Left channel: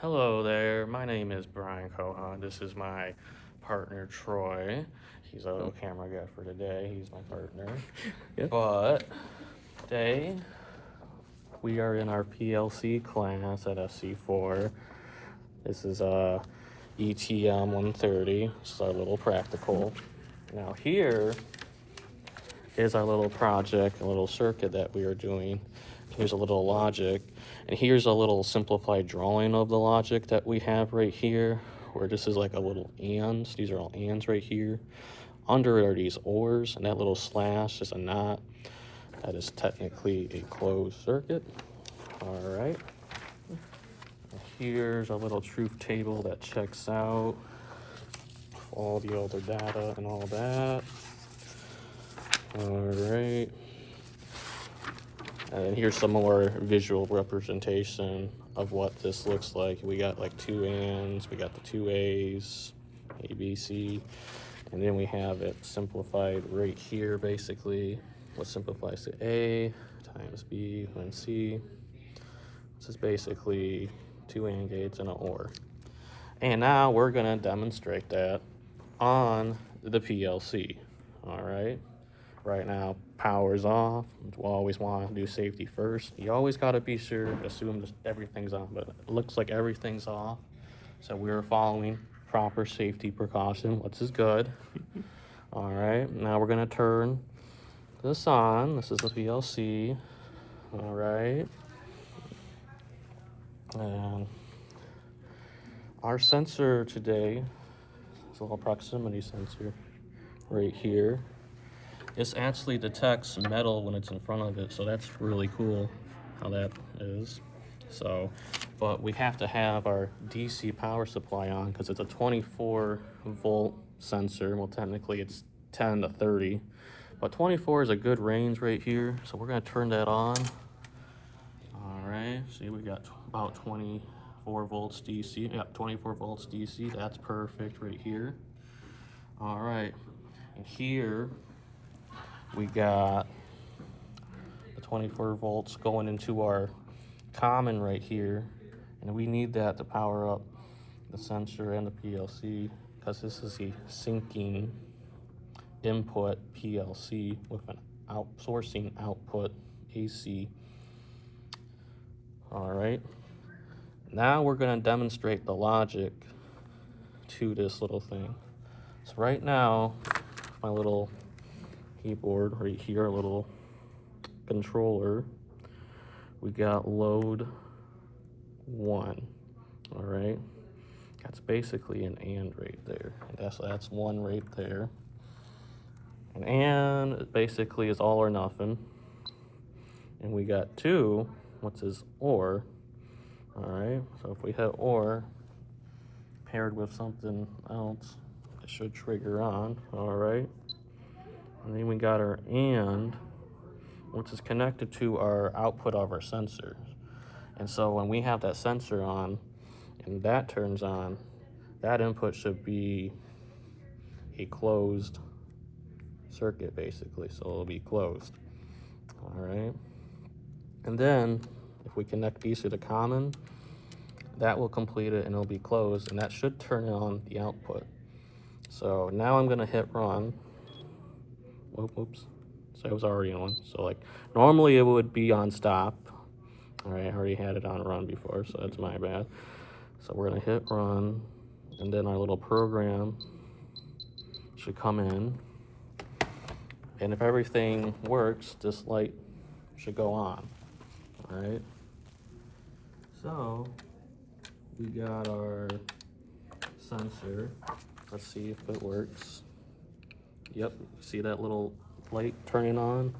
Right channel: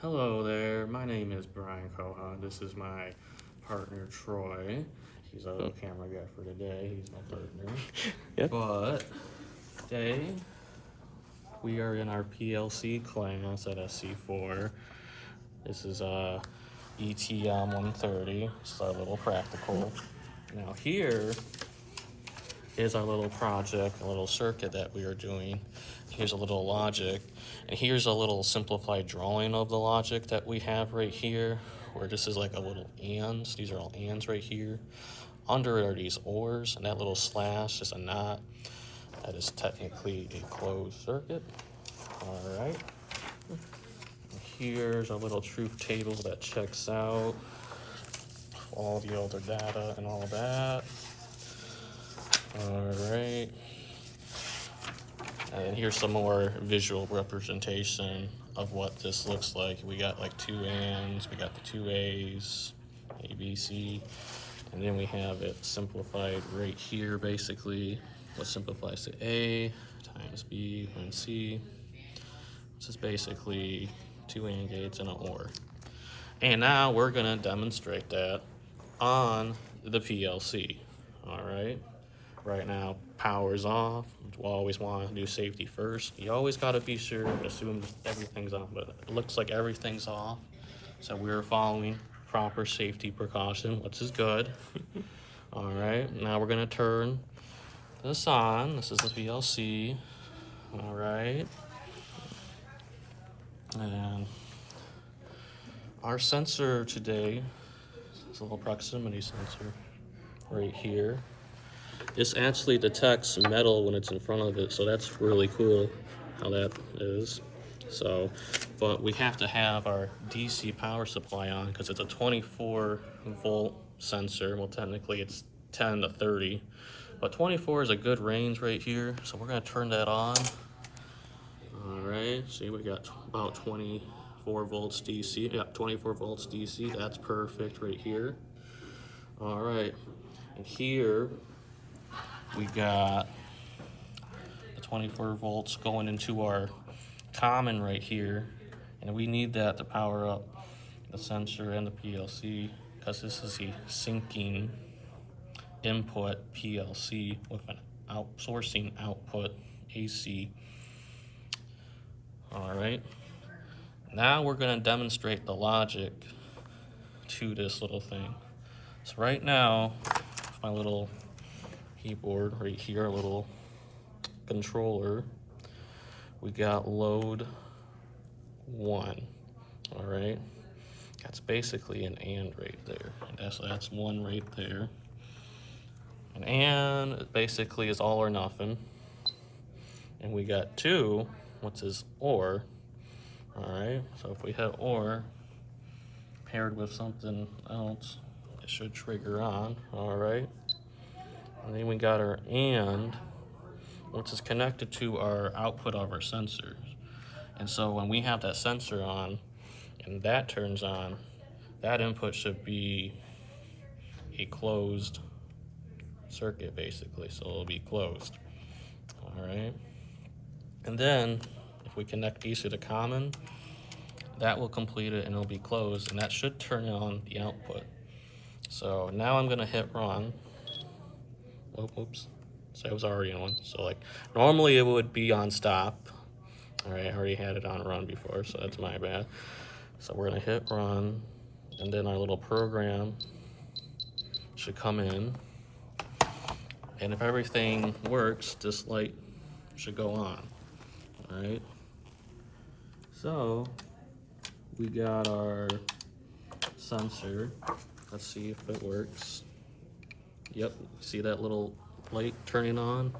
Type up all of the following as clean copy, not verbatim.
Hello there, my name is Brian Cohan. This is my partner Troy. He's a camera guy for today. He's my partner. Yep. But today we are in our PLC class at SC4. This is ETM 130. This is our little practical. Now here is our little project, a little circuit that we are doing. Here's a little logic, and here's a little simplified drawing of the logic that we have right here, where this is like a little ands. These are all ands right here. Under are these ors, and that little slash is a not. That is technically a closed circuit. All right. Here's a little truth table that checks out all the other data and all that. All right. And here's some more visual representation of what this looks like. We got like two ands, we got the two A's, A, B, C, and then we have it simplified right here basically. What simplifies to A times B and C. This is basically two AND gates and an OR. And now we're gonna demonstrate that on the PLC, all right? Right now, power's off. We always want to do safety first. You always got to be sure, assume everything's on, but it looks like everything's off. So we're following proper safety precaution, which is good. All right, now we're going to turn this on. This is the PLC. All right. And our sensor today is a little proximity sensor right here. This actually detects metal when it's in front of it, so that's really cool how that is. So, but we have to have our DC power supply on because it's a 24 volt sensor. Well, technically it's 10 to 30, but 24 is a good range right here. So we're gonna turn that on. All right, see we got about 24 volts DC. Yeah, 24 volts DC, that's perfect right here. All right, and here, we got the 24 volts going into our common right here, and we need that to power up the sensor and the PLC because this is a syncing input PLC with an outsourcing output AC. All right, now we're going to demonstrate the logic to this little thing. So right now, my little keyboard right here, a little controller, we got load 1. All right, that's basically an and right there, and that's 1 right there. And it basically is all or nothing, and we got 2, which is or. All right, so if we hit or paired with something else, it should trigger on. All right, and then we got our and, which is connected to our output of our sensors. And so when we have that sensor on and that turns on, that input should be a closed circuit basically, so it'll be closed. All right, and then if we connect these to the common, that will complete it and it'll be closed, and that should turn on the output. So now I'm gonna hit run. Oops. So it was already on. So like normally it would be on stop. All right, I already had it on run before, so that's my bad. So we're gonna hit run, and then our little program should come in. And if everything works, this light should go on. All right. So we got our sensor. Let's see if it works. Yep, see that little light turning on?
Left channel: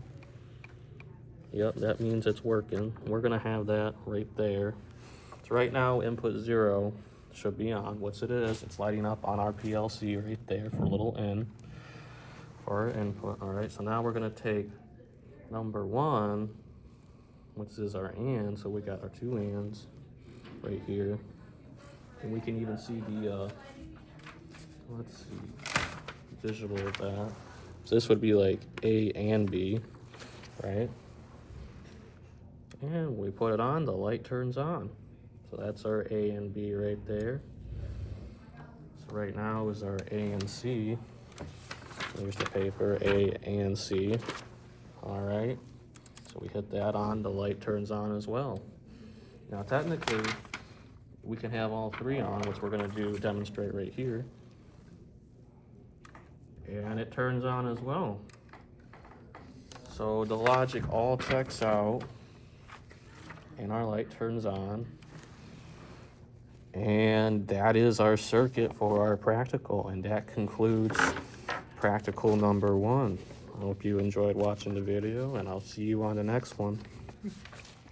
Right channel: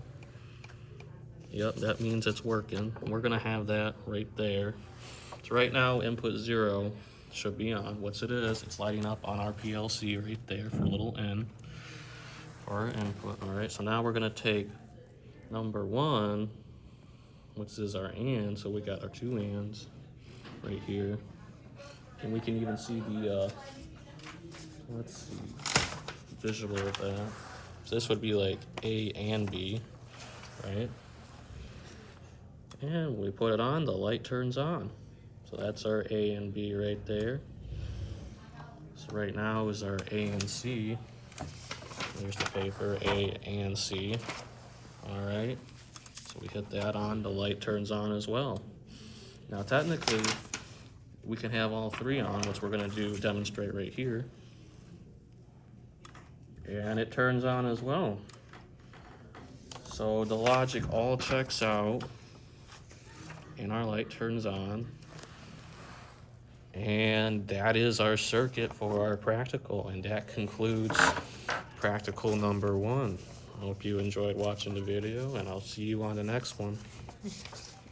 Yep, that means it's working. We're gonna have that right there. So right now, input 0 should be on, which it is. It's lighting up on our PLC right there for a little N for our input. All right, so now we're gonna take number 1, which is our and, so we got our 2 ands right here. And we can even see the, let's see, visual of that. So this would be like A and B, right? And we put it on, the light turns on. So that's our A and B right there. So right now is our A and C. There's the paper, A and C. All right, so we hit that on, the light turns on as well. Now technically, we can have all three on, which we're gonna demonstrate right here. And it turns on as well. So the logic all checks out, and our light turns on. And that is our circuit for our practical, and that concludes practical number 1. I hope you enjoyed watching the video, and I'll see you on the next one.